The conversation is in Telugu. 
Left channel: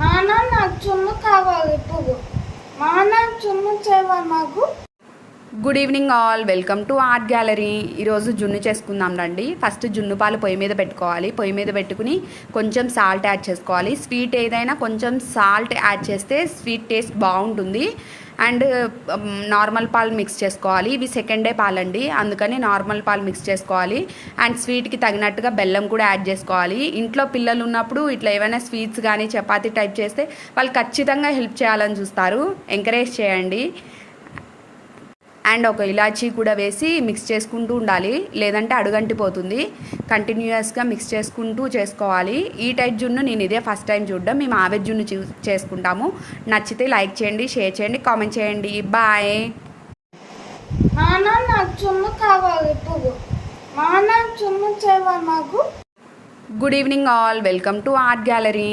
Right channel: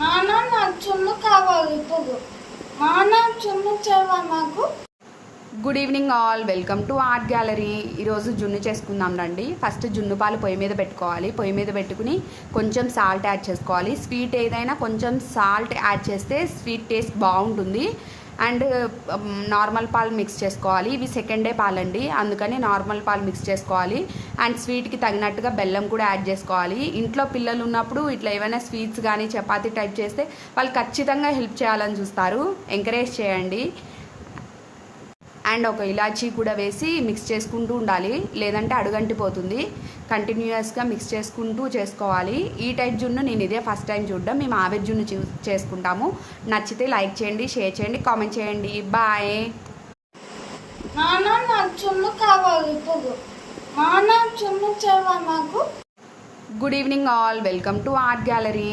నాన్న నాకు చున్ను కావాలి ఇప్పుడు. నాన్న చున్ను చేయవా నాకు? Good evening all, welcome to art gallery. ఈరోజు జున్ను చేసుకుందాం రండి. ఫస్ట్ జున్ను పాలు పొయ్యి మీద పెట్టుకోవాలి. పొయ్యి మీద పెట్టుకుని కొంచెం సాల్ట్ యాడ్ చేసుకోవాలి. స్వీట్ ఏదైనా కొంచెం సాల్ట్ యాడ్ చేస్తే స్వీట్ టేస్ట్ బాగుంటుంది. అండ్ నార్మల్ పాలు మిక్స్ చేసుకోవాలి. ఇవి సెకండ్ డే పాలండి, అందుకని నార్మల్ పాలు మిక్స్ చేసుకోవాలి. అండ్ స్వీట్కి తగినట్టుగా బెల్లం కూడా యాడ్ చేసుకోవాలి. ఇంట్లో పిల్లలు ఉన్నప్పుడు ఇట్లా ఏమైనా స్వీట్స్ కానీ చపాతీ టైప్ చేస్తే వాళ్ళు ఖచ్చితంగా హెల్ప్ చేయాలని చూస్తారు. ఎంకరేజ్ చేయండి. అండ్ ఒక ఇలాచీ కూడా వేసి మిక్స్ చేసుకుంటూ ఉండాలి, లేదంటే అడుగంటిపోతుంది. కంటిన్యూస్గా మిక్స్ చేసుకుంటూ చేసుకోవాలి. ఈ టైప్ జున్ను నేను ఇదే ఫస్ట్ టైం చూడడం. మేము ఆవెజ్ జున్ను చేసుకుంటాము. నచ్చితే లైక్ చేయండి, షేర్ చేయండి, కామెంట్ చేయండి. బాయ్. నాన్న నాకు చున్ను కావాలి ఇప్పుడు. నాన్న చున్ను చేయవా నాకు? Good evening all, welcome to art gallery.